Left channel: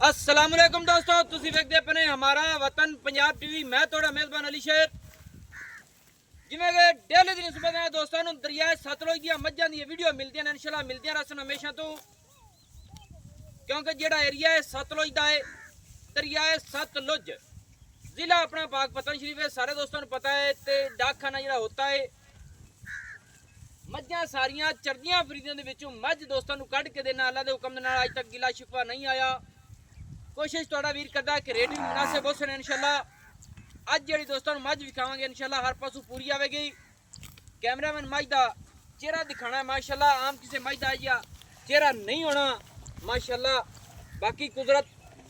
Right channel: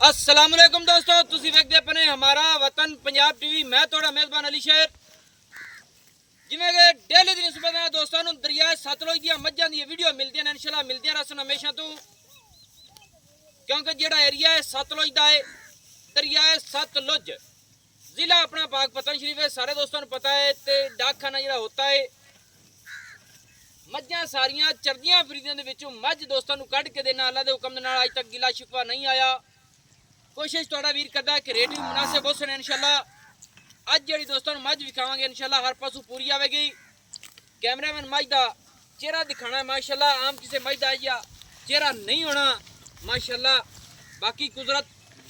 अस्सलाम वालेकुम दोस्तों, तुसी वेखदे पने हमारा वतन पंजाब टीवी। मैं थोड़ा मेजबान अली शेर। जिवें कि डेली दिन सुबह दोस्तों दरिया सतलुज दी मज्जां दी वीडियो मिलदियां ने, इंशाल्लाह मिलदियां रहसन हमेशा तो, क्योंकि जेड़ा एरिया है सतलुज दा है, दरिया है सतलुज, जिला अपना पाकपतन शरीफ है, सारे दोस्तों को पता है। ते डाकखाना जेड़ा होता है, मज्जां सारियां चरदियां फिरदियां दे विचों मझ दोस्तों को कढ़ के देना अल्लाह दे हुक्म दे नाल। अज तक गिला शिकवा नहीं आया। कोशिश थोड़ा वीर करदा कि रेट भी मुनासिब हो सने इंशाल्लाह। अज जी दोस्तों मझ विखावांगे इंशाल्लाह, हर पासों पूरी आवेगी। कैमरामैन मझ का चेहरा दिखाना है माशाल्लाह, आम किसी मझ का या चेहरा नहीं होना माशाल्लाह। बाकी कुदरत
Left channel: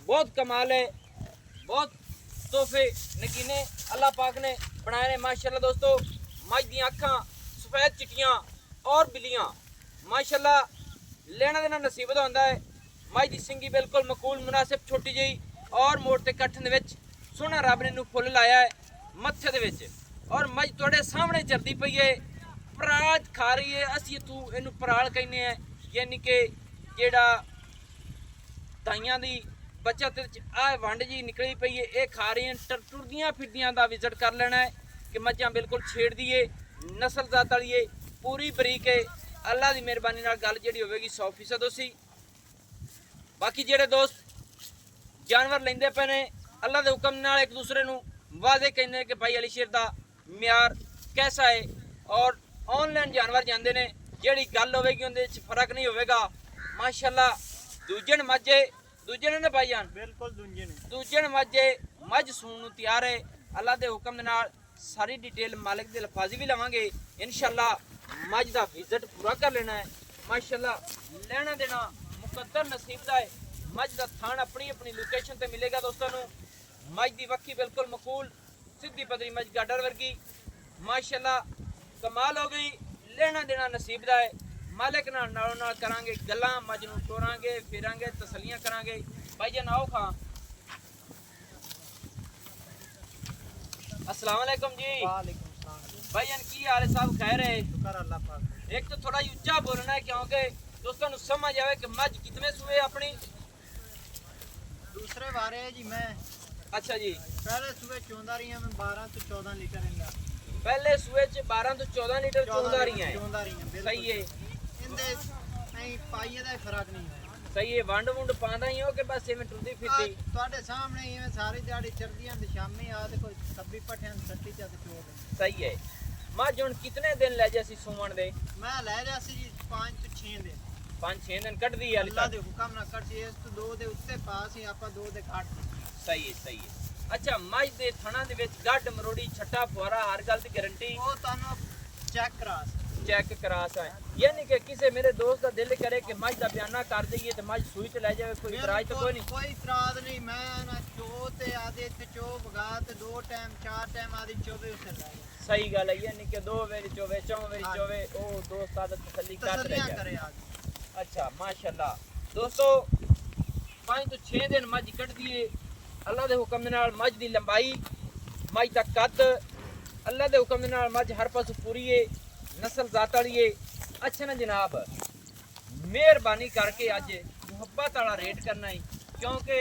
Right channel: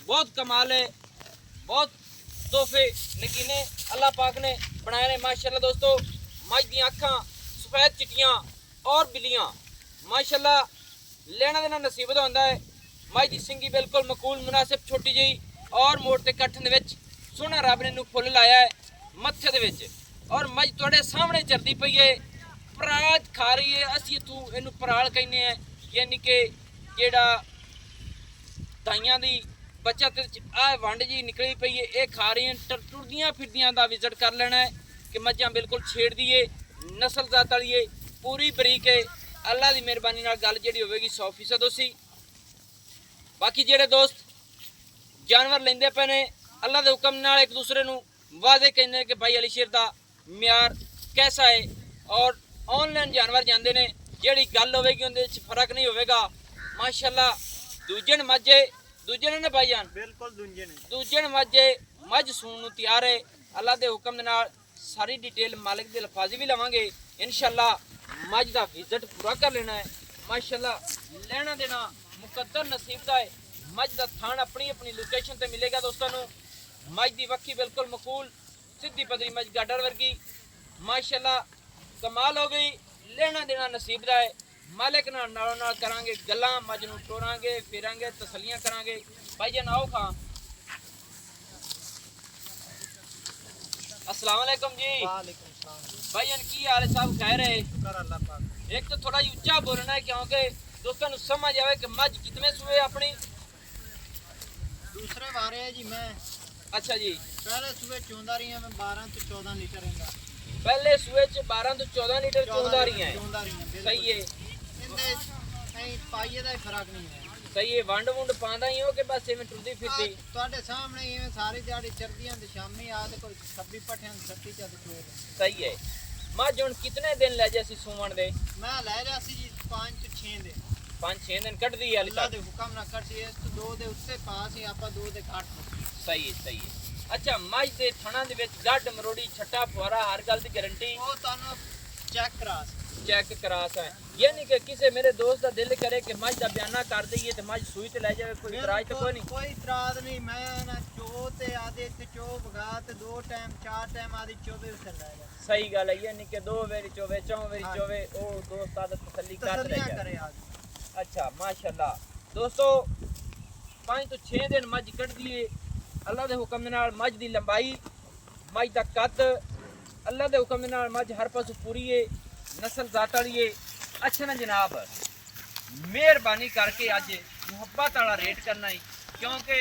बहुत कमाल है, बहुत तोहफे नगीने अल्लाह पाक ने बनाए ने माशाल्लाह। दोस्तों मझ दी अखां सफेद चिट्टियां और बिल्लियां माशाल्लाह, लेना देना नसीबत होंदा है। मझ दी सिंगी बिल्कुल मकूल मुनासिब छोटी जी और मोटे कट्ठ दे विच सोहना रब ने फुल लाया है मत्थे दे विच, और मझ तुहाडे सामने चरदी पई है, पराल खा रही है। असीं इत्थों इहनूं पराल कहने हैं, यानी कि जेड़ा दाइयां दी बचत आ वंड जी निकली पई है, ये खा रही हैं। टुरदियां फिरदियां दा विजिट कर लेना है कि मझां बिल्कुल छेड़ दी है, नस्ल जात वाली है, पूरी बरीक है। अल्लाह की मेहरबानी नाल गल जिहड़ी होवेगी 100% होसी। बाकी जेडे दोस्त जानवर लेंदे पे ने अल्लाह के हुक्म नाल एक दूसरे नूं वादे कहने कि भाई अली शेर दा म्यार कैसा है, और ऑनलाइन जानवर जांदे ने, जेड़ी गल होवेगी उहदे विच फर्क नहीं होवेगा माशाल्लाह। दूजे मज्जे दूजे ने भाईजान बिल्कुल दूजे मज्जे मझ सून नूं तैयार है अल्लाह के हुक्म दे नाल। सारी डिटेल मालिक दे लफाजी भी लवांगे इंशाल्लाह। मझ दा विजिट पूरा कर लेना है माशाल्लाह। लेना देना मुकद्दर नसीब दा है। मझ दा थान अपनी अपनी लोकेशन ते मिलेगा दोस्तों नूं। मझ दी वक्खी बिल्कुल मकूल सीधी पदरी मझ गाडर वर्गी माशाल्लाह, कमाल हो गई। लेना देना नसीब दा है। मालिक नाल नालों नाल करांगे गल्लां, मझ नूं टोरांगे फिरांगे तसलियां करांगे। भाईजान आओ खां। अस्सलाम वालेकुम जी। वालेकुम सलाम। भाईजान की हाल है? सब खैर है? शुक्र अल्लाह पाक। एक तो थोड़ा ऊंचा बोलना है क्योंकि दोस्तों को समझ आवे कि मझ कितने सुए अपनी। दूसरे बारे है जी मैं अच्छा जी, पहले सुबह चौंदा रही मैं 12 तो 14 लीटर इंदा पहले सुए च 12 तो 14 लीटर चौंदा रही है। सही है, इंदे नहीं पाइए दा फर्क नहीं है। सही है। वंड वुंड पांदा ही हो कि बस इवें टुरदी फिरदी? ਤੁਹਾਡੇ ਸਾਹਮਣੇ ਇਵੇਂ ਸਾਰੀ ਦਿਹਾੜੀ ਚਰਦੀਆਂ ਤੇ ਸ਼ਾਮੀ ਆ ਤੇ ਕੋਈ ਸੱਬੀ ਪੱਠਿਆਂ ਦੀ ਸੱਟੀ ਚ ਤੇ ਚੋਰ सही है। मझ हुण कितने दिन ले जासी सुमन दे? ਮੈਂ ਲੈ ਲਿਆ ਸੀ ਜੀ 5 ਤੋਂ 6 ਦਿਨ 5-6 दिन कट दी है ਅੱਲਾ ਦੇ ਹੁਕਮ ਨਾਲ ਕੱਟ ਸੀ। ਇਸ ਤੋਂ 2 ਦੇ ਉੱਤੇ ਪਾਸ ਹੀ ਆਪਾਂ 2 ਦੇ ਕੱਟ। सही है, सही है। अच्छा, मझ दे थणा दे विच गड्ड मरोड़ी छट्टा फुआरा हर गल दी गारंटी ਉਹ ਤੁਹਾਨੂੰ ਚੈੱਕ ਕਰਾ चेक करा सा है, यानी कि किसी मेरे दोस्त का दिल करे कि मझ का बयाना कर दईए तो मझ सूई ते ले जाए, कोई इतराज तो कोई नहीं? कोई इतराज नहीं। मैं ना चो ते आदे इत्थे चो भगा ते 2 टाइम 4 टाइम आदि चोवे उसे ले जा। सही गल है, यानी कि 2 वेरी चोवे 4 वेरी चोवे ओ दोस्त आदत तसल्ली कर ले तसल्लियां जाए। करे आज। अच्छा माशाल्लाह। दोस्तों 5 तो 6 दिन मझ कट दिए अल्लाह के हुक्म दे नाल। मझ दी लंबाई, मझ दा कद अल्लाह के हुक्म दे नाल, मझ हर पासों पूरी है, नस्ल जात वाली है। अच्छा ना जनाब, मेहरबानी करके अज मुहब्बत वाला रेट करना है, क्योंकि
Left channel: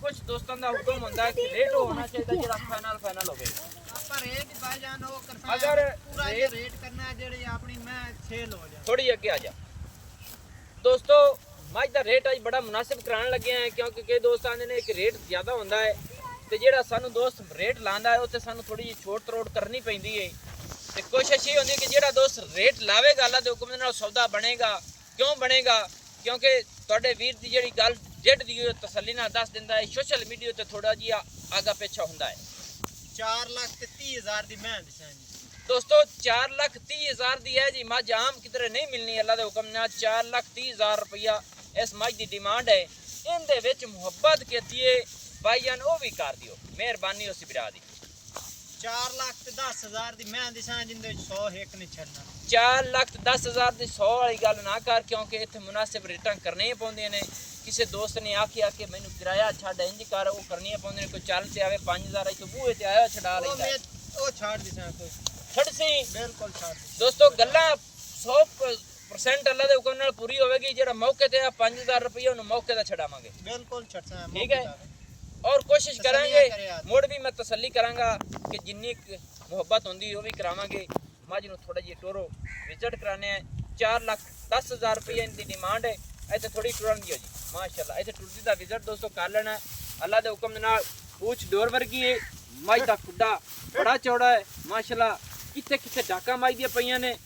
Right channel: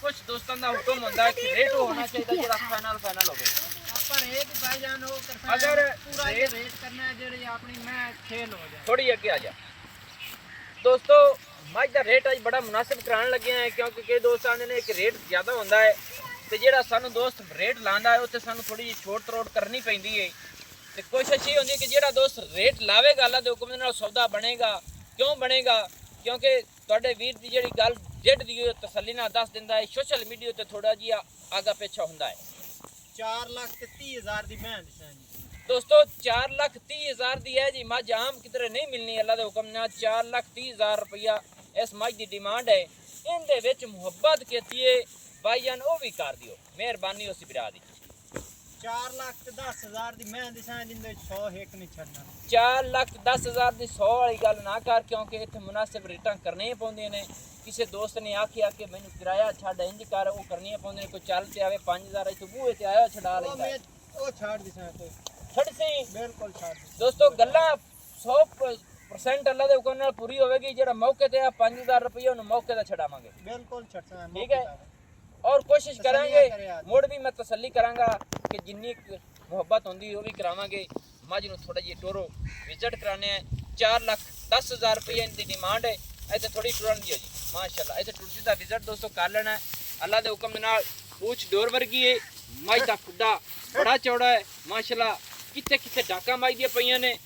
कुछ दोस्तों का हुक्म होता है कि रेट होना चाहिए जो फाइनल फाइनल हो। पर रेट भाईजान हो करता अगर है पूरा ये रेट करना है जेड़ी अपनी मैं सेल हो जाए। थोड़ी अगे आ जा दोस्तों। मझ का रेट अज बड़ा मुनासिब कराने लगे हैं, क्योंकि कई दोस्त आते हैं कि रेट ज़्यादा होता है, तो जो सानू दोस्त रेट लाता है उत्ते सानू थोड़ी जी छोट तरोड़ करनी पैंदी है। तो कोशिश ये होती है कि जो दोस्त रेट लावेगा अल्लाह के हुक्म दे नाल सौदा बनेगा। क्यों बनेगा? क्योंकि तुहाडे वीर की जिहड़ी गल डेढ़ दी तसल्ली नाल दस दिंदा है, सोशल मीडिया ते थोड़ा जिहा आगा पिछा हुंदा है। 4,30,000 दी मैं दिसां जी दोस्तों 4,30,000 दी है जी मझ, आम किधरे नहीं मिलनी। अल्लाह के हुक्म नाल 4,30,000 रुपया इस मझ की डिमांड है। इहदे विच मुहब्बत कीती है भाईजान, वो भी कर दियो, मेहरबानी उस बिरा दी। 4,10,000 दी मैं दिसां जिंदे 100 एक नहीं छड़ना। 4,10,000 की 100 वाली गल ना कर, क्योंकि इत्थे मुनासिब रेटां करनी पौंदियां ने। किसी दोस्त ने आखिया कि मैनू किराया छड्ड इंज कर, वो करनी पौंदियां। कोई चल ते आवे 5,000 इत्थों बूहे ते आया छड़ा लैंदा है। ओ छाड़ दिसां कोई छड़ सी बिल्कुल छाड़ दी। दोस्तों गल्लां 100 100% ਅੱਲਾ ਦੇ ਹੁਕਮ ਨਾਲ ਪੂਰੀ ਹੋਵੇਗੀ। ਜਿਹੜਾ ਮੌਕੇ ਤੇ ਆ 5000 ਰੁਪਏ ਉਹਨੂੰ ਮੌਕੇ ਤੇ ਛਡਾਵਾਂਗੇ। ਬਿਲਕੁਲ ਛੱਡਣਾ ਠੀਕ ਹੈ ਔਰ ਕੋਸ਼ਿਸ਼ ਕਰਾਂਗੇ ਮੁੜ ਵੀ ਮੈਂ ਤਸੱਲੀ ਕਰਾਂਗਾ ਕਿ ਜਿੰਨੀ ਮੁਹੱਬਤ ਹੁੰਦੀ ਉਹ ਵੀ ਕਰਾਵਾਂਗੇ। ਮੱਝ ਨੂੰ ਥੋੜਾ ਜਿਹਾ ਟੋਰੋ ਵਿਜ਼ਿਟ ਕਰਾਣੇ ਹੈ। 4,10,000 ਰੁਪਏ ਦੀ ਡਿਮਾਂਡ ਹੈ। ਇੱਥੇ ਥੋੜੀ ਟੁਰਨ ਦੀ ਹੈ ਜੀ ਮਾਸ਼ਾਅੱਲਾ। ਇੱਥੇ ਟੁਰਦੀ ਦਾ ਵਿਜ਼ਿਟ ਦੋਸਤੋ ਕਰ ਲੈਣਾ ਹੈ। ਅੱਲਾ ਦੇ ਹੁਕਮ ਦੇ ਨਾਲ ਪੂਛ ਡੋਰ ਵਰਗੀ ਹੈ। ਮੱਝ ਦਾ ਖੁੱਡਾ ਬੜਾ ਚੌੜਾ ਹੈ ਮਾਸ਼ਾਅੱਲਾ। ਕਿੱਥੇ ਕਿੱਥੇ ਡਾਕਾਂ ਮੱਝ ਦੀਆਂ ਪਈਆਂ ਨੇ।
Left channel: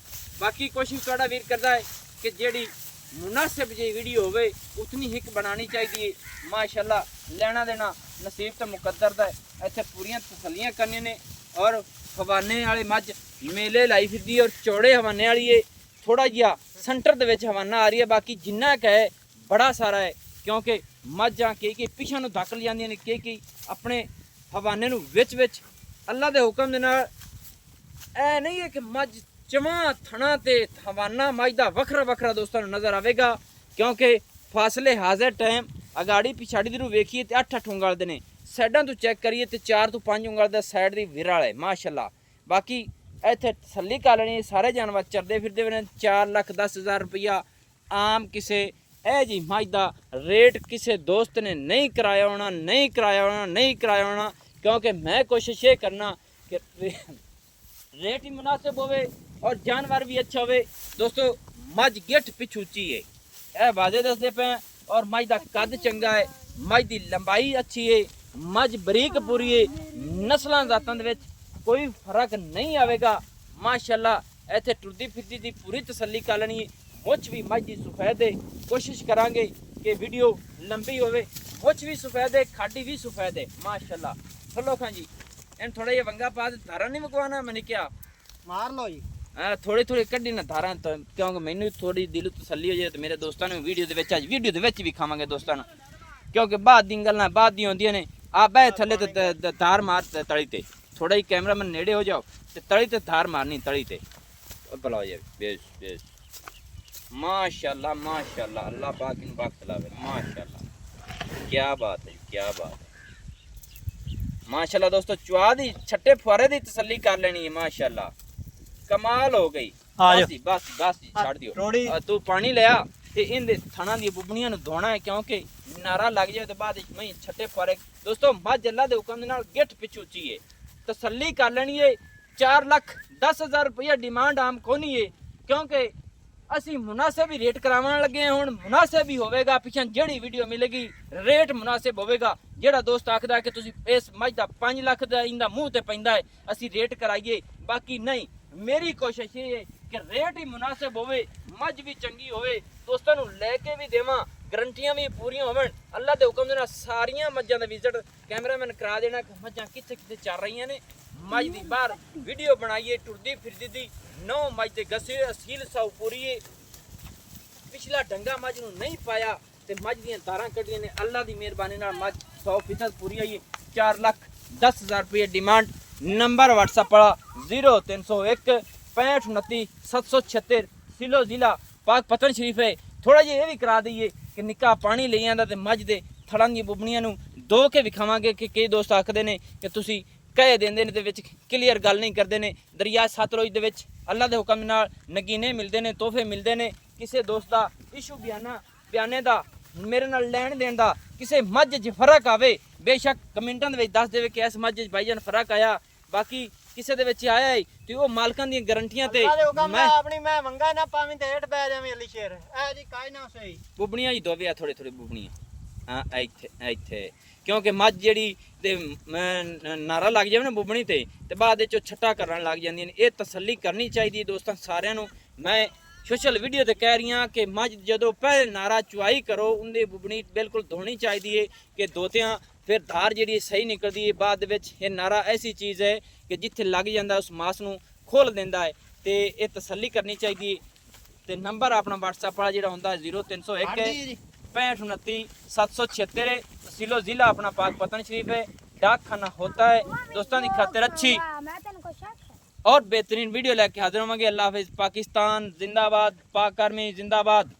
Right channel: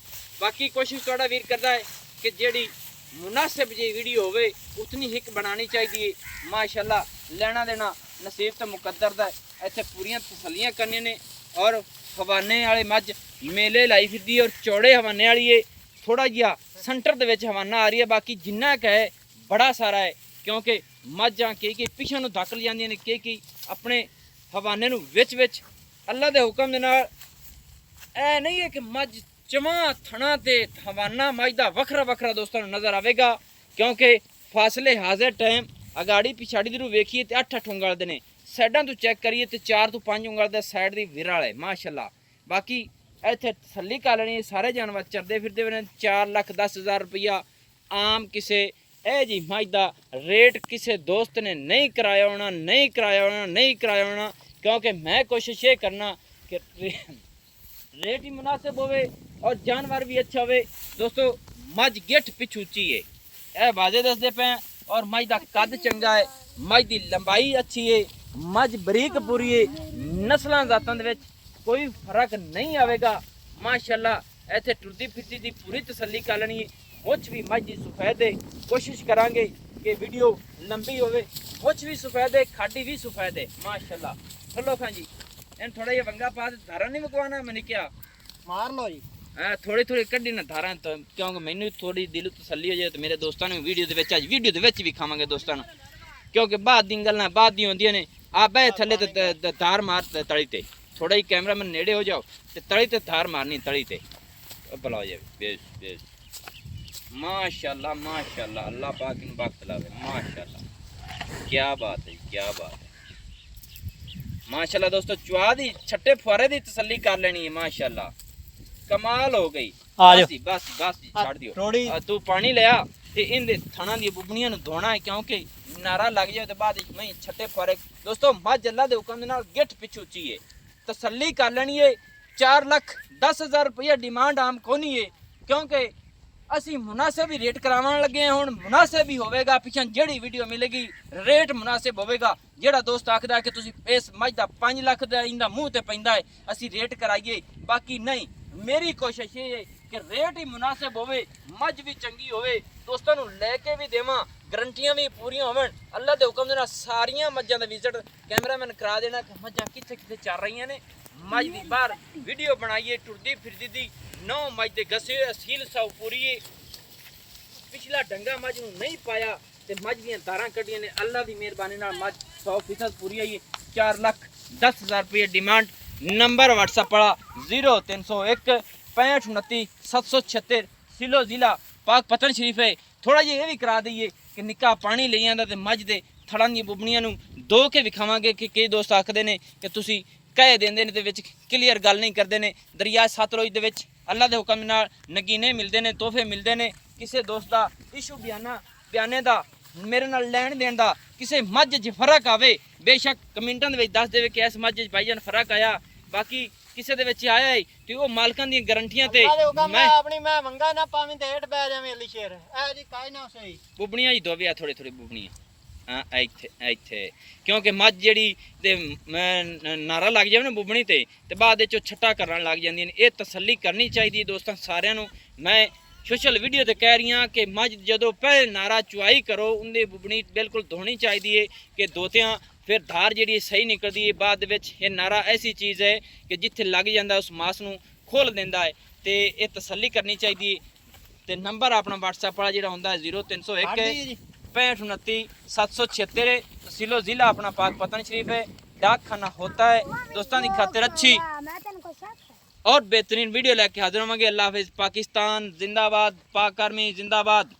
ਬਾਕੀ ਕੋਸ਼ਿਸ਼ ਤੁਹਾਡਾ ਵੀਰ ਕਰਦਾ ਹੈ ਕਿ ਜਿਹੜੀ ਮੁਨਾਸਿਬ ਜੀ ਵੀਡੀਓ ਹੋਵੇ ਉਤਨੀ ਹਿੱਕ ਬਣਾਉਣੀ ਚਾਹੀਦੀ ਹੈ ਮਾਸ਼ਾਅੱਲਾ। ਲੈਣਾ ਦੇਣਾ ਨਸੀਬ ਤੇ ਮੁਕੱਦਰ ਦਾ ਹੈ। ਇੱਥੇ ਪੂਰੀਆਂ ਤਸੱਲੀਆਂ ਕਰਨੀਆਂ ਨੇ ਔਰ ਹਵਾਨੇ ਵਾਲੇ ਮੱਝ ਮੇਲੇ ਲਾਈ ਫਿਰਦੀ ਔਰ ਚੌੜੇ ਹਵਾਨੇ ਵਾਲੀ ਏ। ਥੋੜਾ ਜਿਹਾ ਸੈਂਟਰ ਦੇ ਵਿੱਚ ਹਵਾਨਾ ਆ ਰਹੀ ਹੈ। ਬਾਕੀ ਜਿੰਨਾ ਕੁ ਹੈ ਬੜਾ ਸਾਰਾ ਹੈ ਕਿਉਂਕਿ ਮੱਝਾਂ ਕਈ ਪਿੱਛੇ ਨੂੰ ਧੱਕ ਜਾਂਦੀਆਂ ਨੇ ਕਈ ਆਪਣੇ ਹਵਾਨੇ ਨੂੰ ਵਿੱਚ ਅੱਲਾ ਦੇ ਹੁਕਮ ਦੇ ਨਾਲ। ਇਹ ਨਹੀਂ ਹੈ ਕਿ ਮੱਝ ਚਵਾਂ ਥਣਾ ਤੇ ਹਵਾਨਾ ਮੱਝ ਦਾ ਵੱਖਰਾ ਦੋਸਤਾਂ ਨੂੰ ਨਜ਼ਰ ਆਵੇਗਾ ਕਿਉਂਕਿ ਫਾਸਲੇ ਹਾਜ਼ਰ ਟਾਈਮ ਅਗਾੜੀ ਪਿਛਾੜੀ ਦੀ ਨੂੰ ਵੇਖੀਏ ਤੇ 8 ਉਂਗਲ ਦੇ ਨੇ। ਸਾਈਡਾਂ ਤੋਂ ਚੈੱਕ ਕਰੀਏ ਤੇ 4 ਤੋਂ 5 ਉਂਗਲ ਦਾ ਸਾਈਡ ਦੀ ਵਿਰਲ ਹੈ ਮਾਸ਼ਾਅੱਲਾ। ਬਾਕੀ ਇੱਥੇ ਤਸੱਲੀ ਕਰ ਲੈਣੀ ਸਾਰੇ ਜਾਨਵਰ ਚਰਦੇ ਫਿਰਦੇ ਨੇ। 4,10,000 ਰੁਪਇਆ ਆਮ ਕਿਸੇ ਇਹ ਜੀ ਮੱਝ ਦਾ ਰੇਟ ਕਿਸੇ ਦੋਸਤ ਨੇ ਨਹੀਂ ਕਰਾਇਆ ਹੋਣਾ ਕਿਉਂਕਿ ਮੈਂ ਕੋਸ਼ਿਸ਼ ਇਹ ਕਰਨਾ ਕਿ रेट ही मुनासिब होवे और जानवर भी अच्छा होवे। दोस्तों मझ गिठ पिछ उच्ची है यह वादे दसदे पे और मझ का कद चंगा है। मझ की लंबाई अच्छी है। मझ बरीक पूरी है। नस्लों जातों दे विच कोई फर्क नहीं आवेगा माशाअल्लाह। इत्थे टुरदी फिरदी दी पूरी तसल्ली कर लेनी है। मुछ भी मझ की सफेद है। कोशिश करांगे कि वीडियो लंबी होवे। मुछ भी सफेद है खाडी भी सफेद है माशाअल्लाह। चलो खां जी इन थोड़ा ये वंगा पा धारा नहीं मुकवाना मैंने क्या मार लो जी। हाँ थोड़ी कड्डी ना धारा तो क्योंकि मैंने थोड़ी दिल तसल्ली हो जाए तो मेरे दोस्तों ने वीडियो भी खावांगे दोस्तों क्योंकि बाद दी गल्लां बाद दी होंदियां ने। आप बह थल्ले ते धार मार तली ते थोड़ा ही कैमरा में नेड़े हो जाओ ते तली ते धार मारनी तली ते भला हो जाए। बेश माशाअल्लाह अल्लाह पाक इन वक्त लावे माशाअल्लाह। क्या बात है माशाअल्लाह। दोस्तों चुआ दी छट्टे फुआरे दी तसल्ली कर लेनी है माशाअल्लाह। कमाल हो गई। बस छाड़ दियो तू पानी लिया ते इन थाना दी बुबनियां नु धोना है क्योंकि नारा लग जाए तो बाद में छट्टे फुआरे। दोस्तों मझ अल्लाह दे हुक्म दे नाल गिठ पिछ उच्ची है। तसल्ली कर लेनी है। 4,10,000 रुपया डिमांड आम कोनी है क्योंकि ਅਸੀਂ ਮੁਨਾਸਿਬ ਹੀ ਰੇਟ ਕਰਾਉਣ ਲੱਗੇ ਹਾਂ। ਹੁਣ ਮੁਨਾਸਿਬ ਹੀ ਹੋਵੇਗਾ। ਪਿੱਛੇ ਜਿਹੜੀ ਵੀਡੀਓ ਮਿਲੇਗੀ ਰੇਟ ਮੁਨਾਸਿਬ ਹੋਵੇਗਾ। ਜਿਹੜਾ ਦੋਸਤ ਆਖਦਾ ਕਿ ਤੁਸੀਂ ਇਸ ਮੱਝ ਦਾ 5 ਲੱਖ ਦਾ ਇਹਦਾ ਮੂੰਹ ਤੇ ਪੈਂਦਾ ਹੈ ਅਸੀਂ ਰੇਟ ਕਰਾਈਏ ਬਾਕੀ ਨਹੀਂ। ਮੇਰੀ ਕੋਸ਼ਿਸ਼ ਇਹ ਹੈ ਕਿ ਰੇਟ ਹੀ ਮੁਨਾਸਿਬ ਹੋਵੇ ਮੱਝ ਵੀ ਚੰਗੀ ਹੋਵੇ ਦੋਸਤਾਂ ਨੂੰ ਲੈ ਕੇ ਵੀ ਦੇਵਾਂ ਗਰੰਟੀਆਂ ਵੀ ਪੂਰੀਆਂ ਹੋਵਣ। ਅੱਲਾ ਦੇ ਹੁਕਮ ਦੇ ਨਾਲ ਸਾਰੀਆਂ ਮੱਝਾਂ ਦਾ ਵਿਜ਼ਿਟ ਕੈਮਰਾਮੈਨ ਕਰਾ ਦੇਣਾ ਕਿ ਮੱਝਾਂ ਕਿੱਥੇ ਚੱਲ ਰਹੀਆਂ ਨੇ। मझ की बाहर वीडियो बनाइए टुरदी फिरदी दी 9 मझ के गसे असील सौ पूरी पिछला डंगा मझ नूं नहीं पाया ते मझ दियां दारां कड्डियां ने। अल्लाह की मेहरबानी नाल मझ 100% पूरी आई। 4,10,000 रुपये डिमांड। नंबर व्हाट्सएप वाला 0301 65 29 776 सिलो जिला पाक पतन शरीफ है। थोड़ा जिहा ये भी करा दईए कि निक्का पानी ले आंदा ते मझ दे थड़ां दी बुबनियां नूं धो के विखावांगे कि कई दोस्त आखदे ने कि तुसीं कह देंदे ने ते विच क्लीयर गल नहीं करते ने। दरिया सतलुज दे विच अल्लाह दे हुक्म नाल नगीने मिलते ने तोहफे मिलते ने। किसी दोस्त का इशू बयाने का मेरे नाल लैण देण दा किसी मझ च फर्क आवे बेशक कमेंटां दे विच दस देवे कि इस मझ च भाईजान फर्क आया। बाकी किसी दे विच आया है ते ओह मालकां दी गारंटियां ते मैं अपनी मैं वंगा ना पावीं ते हेठ बह जावीं अली शेर ए जी काई ना सही बुबनियां ही दोवे थोड़े बुबनियां। हाँ ਇੱਥੇ क्योंकि मझ ਜਿਹੜੀ ਤੇ ਨਾਰਾ ਲੱਗ ਜਾਵੇ ਨਾ ਬੁਬਣੀ ਤੇ ਬਾਅਦ ਵਿੱਚ ਛੱਟਾ ਕਰਨ ਲੱਗ ਜਾਂਦੀਆਂ ਨੇ। ਇਹ ਤਸੱਲੀ ਕਰਨੀ ਚਾਹੀਦੀ ਹੈ ਦੋਸਤਾਂ ਸਾਰਿਆਂ ਨੂੰ। ਮੈਂ ਸੋਸ਼ਲ ਵੀਡੀਓ ਤੇ ਕਹਿ ਰਹੀ ਹਾਂ ਕਿ ਮਝ ਜਦੋਂ ਪਹਿਲੇ ਨਾਰਾ ਚੁਆਈ ਕਰੋ ਉਹਦੀ ਬੁਬਣੀ ਬਿਲਕੁਲ ਧੋਣੀ ਚਾਹੀਦੀ ਹੈ ਕਿ ਦੋਤਿਆਂ ਫਿਰ ਧਾਰ ਜਿਹੜੀ ਸਹੀ ਨਿਕਲਦੀ ਹੈ। ਬਾਅਦ ਵਿੱਚ ਇਹ ਨਾਰਾ ਐਸੀ ਚੀਜ਼ ਹੈ ਕਿ ਜਿੱਥੇ ਲੱਗ ਜਾਂਦਾ ਉਸ ਮਾਸ ਨੂੰ ਖੋਲ ਦਿੰਦਾ ਹੈ ਤੇ ਇਹ ਤਸੱਲੀ ਕਰਨੀ ਚਾਹੀਦੀ ਹੈ। ਤੇ ਨੰਬਰ ਆਪਣਾ WhatsApp ਵਾਲਾ ਜਿਹੜਾ ਹੁੰਦਾ ਹੈ 0301 65 29 776 तहसीलो जिला अपना पाक पतन शरीफ है। डाक खाना होता है दोस्तों की खातिर अच्छी और बेहतरीन वीडियो लेके हाजिर होंगे। अल्लाह हाफिज़। पाकिस्तान जिंदाबाद। पाक आर्मी जिंदाबाद।